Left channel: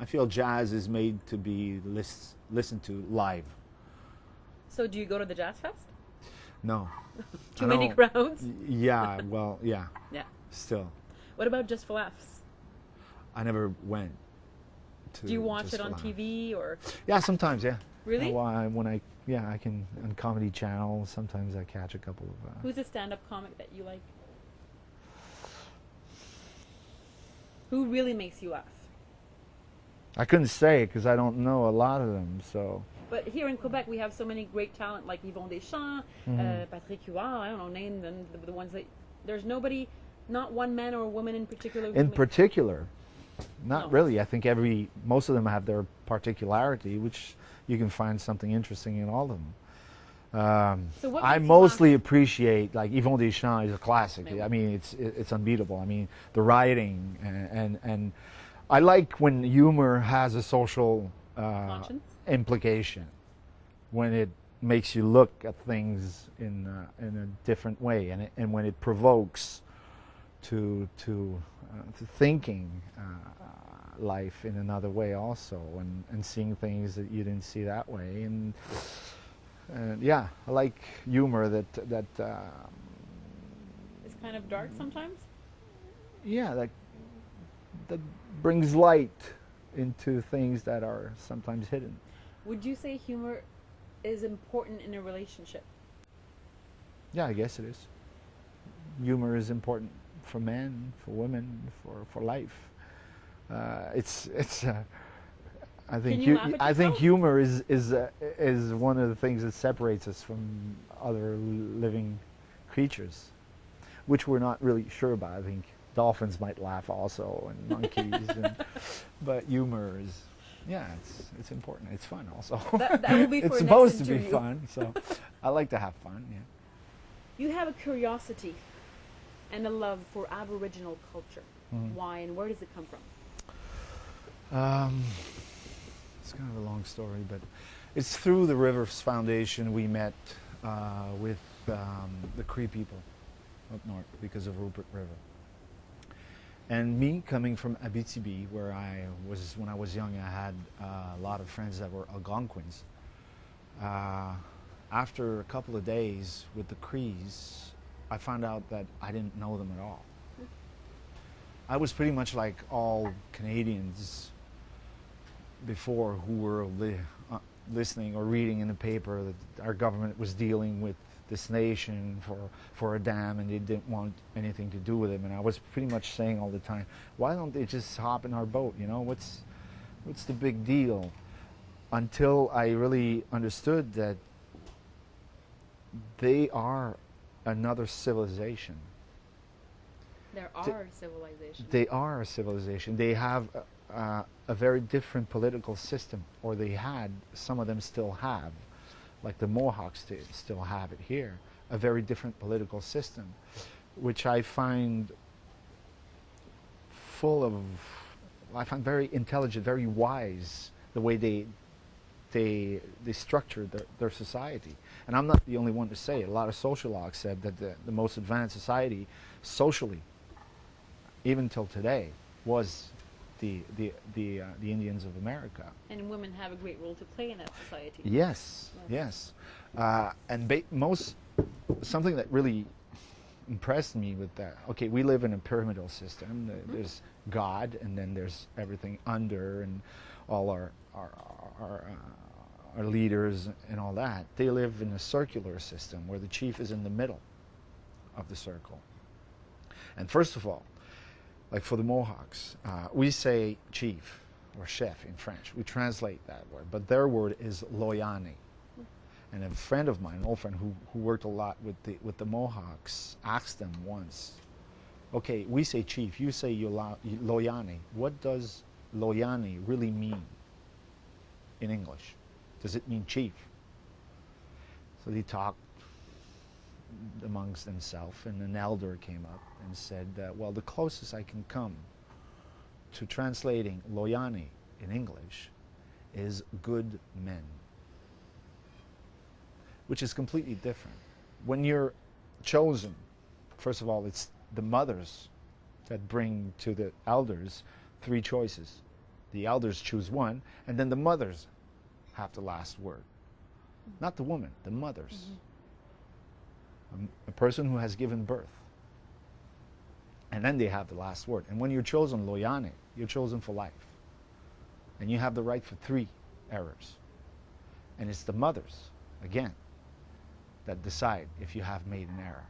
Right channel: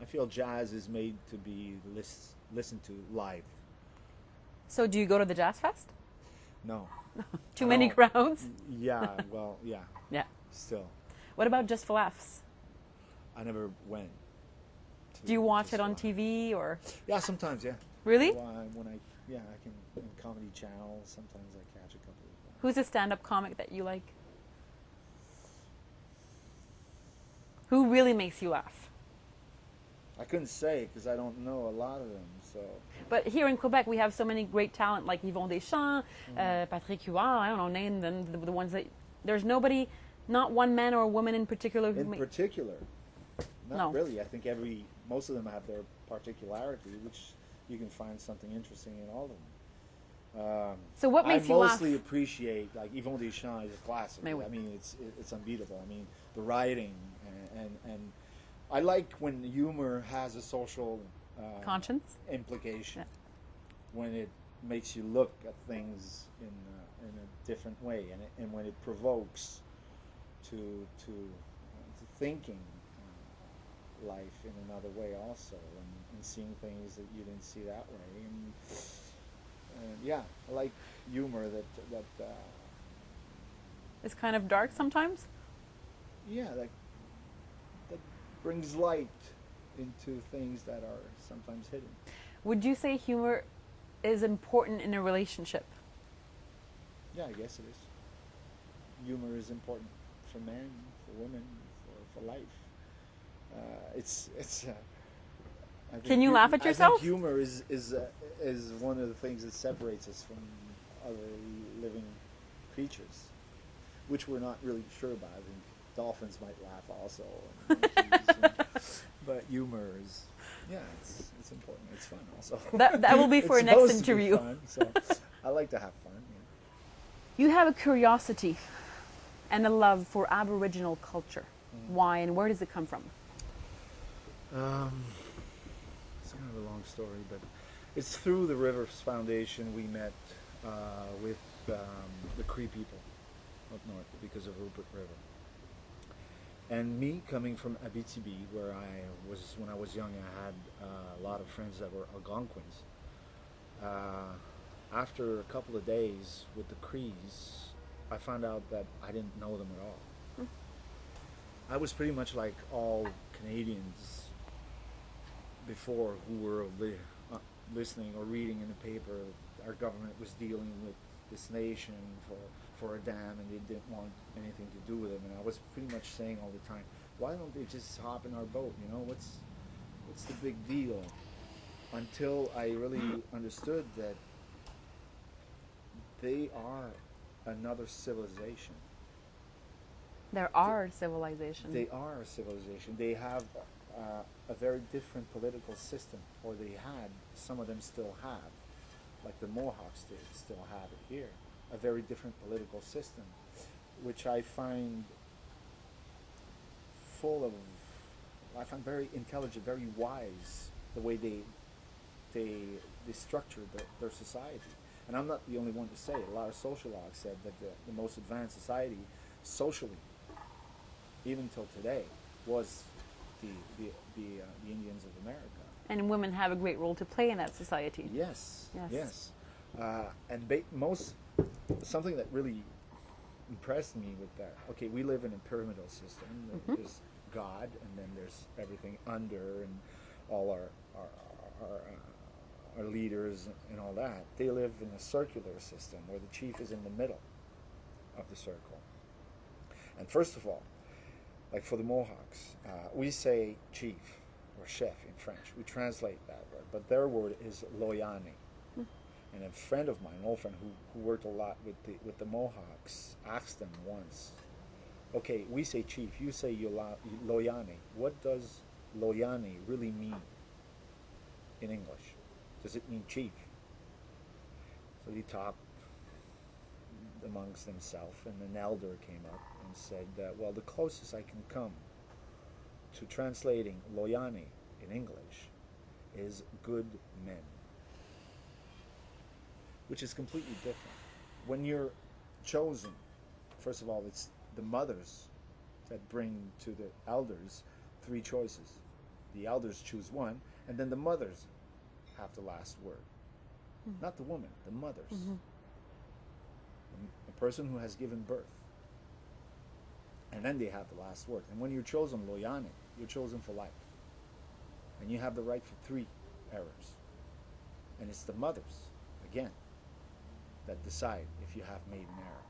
I feel jazz is made to be listened to live. So do you go to the Jazz Fest? No. Too many crowds? Yeah, well, yeah. Yeah. Still. What about Just for Laughs? I never went to Do you watch Just it on for Laughs. TV or? Yeah, sometimes, yeah. Really? Well, I can, on Comedy Channel, sometimes I catch a couple of... Who's a stand-up comic that you like? Who really makes you laugh? I couldn't say because I don't know a lot of them, so... But here in Quebec, we have so many great talent like Yvon Deschamps, Patrick Huard, I don't know, name them, the ones that... There's nobody, not one man or woman in particular. In particular, not No. really. I think most of them have their particularity, which you can find something interesting in all of them. So what I makes you mostly laugh? appreciate, like Yvon Deschamps is a classic. Maybe. I mean, it's unbeatable. I mean, the writing and I like when humor has a social Conscience? implication, when it makes you look at things in a different way, and when it provokes to thinking life in another way also, and seeing things that you didn't see that way, and yeah, I like humor that It's kind of dark sometimes? yeah, that brings light into things that are sometimes hidden. Would you say humor is important in a relationship? Yeah, I guess it is. Humor is important for men, for women, for life. I think Can you laugh at I yourself? think humor is one of the things that separates us from other living creatures, which we're not really sure about. I think dolphins might laugh also, and monkeys, but humor is, yeah, it's important. It's fun also. That will be for It's a next supposed to be interview. fun, so I like to have fun. Yeah. You have a curiosity and a love for Aboriginal culture. Why and where does it come from? It's kind of a long story, but it's through the Rivers Foundation we met with the Cree people up north because of Rupert River. And me coming from Abitibi, where when I was young, I had a lot of friends that were Algonquins. After a couple of days with the Crees, I found out that I didn't know them at all. I was pretty much like all Canadians before who were listening or reading in the paper that our government was dealing with this nation for a dam and they didn't want anything to do with it. And I was pretty much saying all the time, why don't they just hop in our boat? You know, what's the big deal? Until I really understood that they are another civilization. There are civilizations. They are a civilization. They have a very different political system, or they had, some of them still have, like the Mohawks still have it here, a very different political system, which I find I find very intelligent, very wise, the way they structure their society. And I'm not the only one to say it. A lot of sociologues said that the most advanced society socially, even till today, was the Indians of America. And women have a great role to play in that society. Yes, Yes. yes. And something that really impressed me with that, okay, we live in a pyramidal system. There's God, and then there's everything under, and all our leaders and all that. They live in a circular system where the chief is in the middle of the circle. And first of all, like for the Mohawks, we say chief or chef in French. We translate that word, but their word is loyani. And a friend of mine, an old friend who worked a lot with the Mohawks, asked them once, okay, we say chief, you say loyani. What does loyani really mean in English? Does it mean chief? So they talked amongst themselves, and an elder came up and said, well, the closest I can come to translating loyani in English is good men, which is completely different. When you're chosen, first of all, it's the mothers that bring to the elders 3 choices: The elders choose one, and then the mothers have the last word. Not the woman, the mothers. A person who has given birth. And then they have the last word. And when you're chosen loyane, you're chosen for life. And you have the right for 3 errors. And it's the mothers, again, that decide if you have made an error.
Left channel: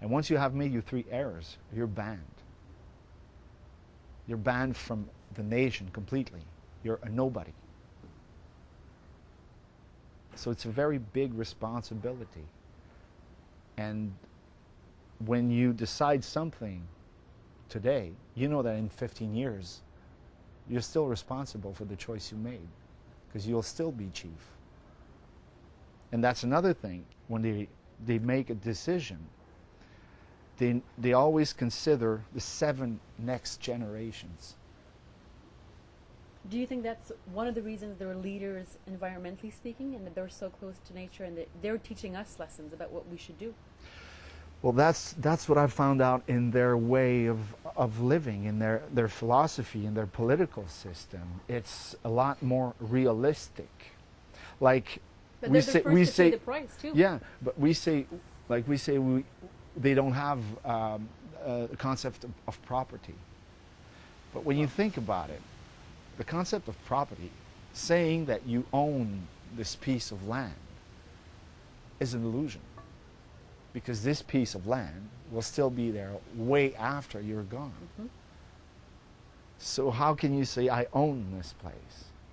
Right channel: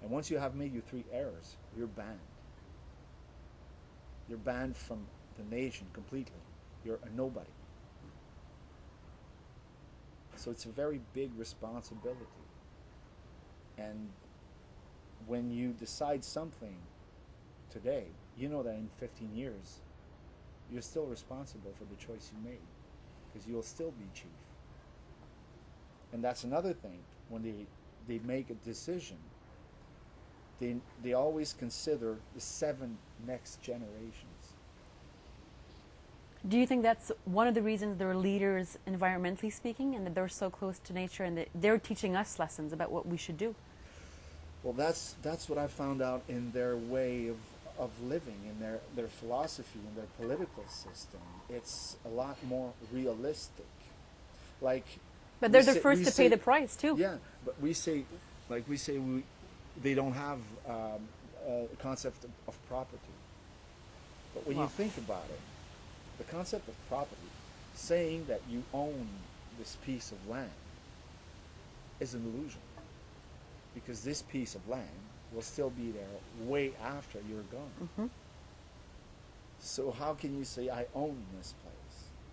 And once you have made your 3 errors, you're banned. You're banned from the nation completely. You're a nobody. So it's a very big responsibility. And when you decide something today, you know that in 15 years, you're still responsible for the choice you made, because you'll still be chief. And that's another thing. When they make a decision, they always consider the 7 next generations. Do you think that's one of the reasons they're leaders environmentally speaking, and that they're so close to nature, and that they're teaching us lessons about what we should do? Well, that's what I found out in their way of living, in their philosophy, in their political system. It's a lot more realistic. Like, but they're the first to pay the price too. Yeah, but they don't have a concept of property. But when you think about it, the concept of property, saying that you own this piece of land, is an illusion. Because this piece of land will still be there way after you're gone. So how can you say, I own this place?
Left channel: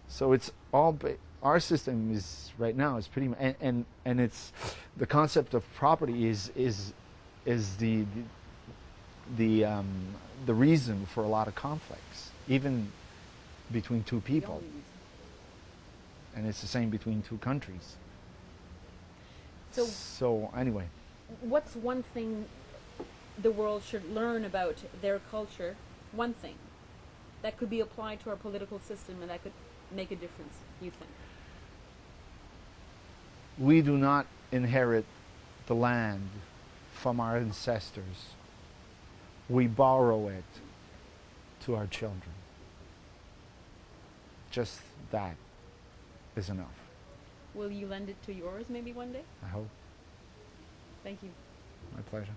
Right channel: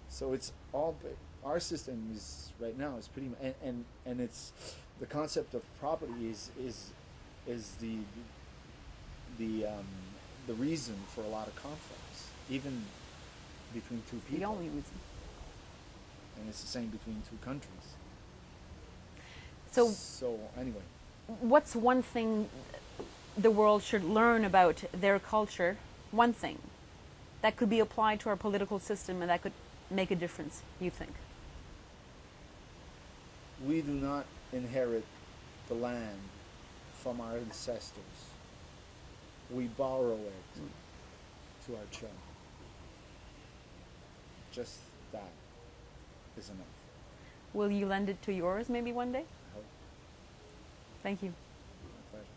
So it's all, our system is, right now, is pretty much, and it's, the concept of property is the reason for a lot of conflicts, even between 2 people. The only reason. And it's the same between 2 countries. So anyway. What's one thing the world should learn about their culture, one thing, that could be applied to our political system and that could make a difference, you think? We do not inherit the land from our ancestors. We borrow it to our children. Just that is enough. Will you lend it to yours maybe one day? I hope. Thank you. My pleasure.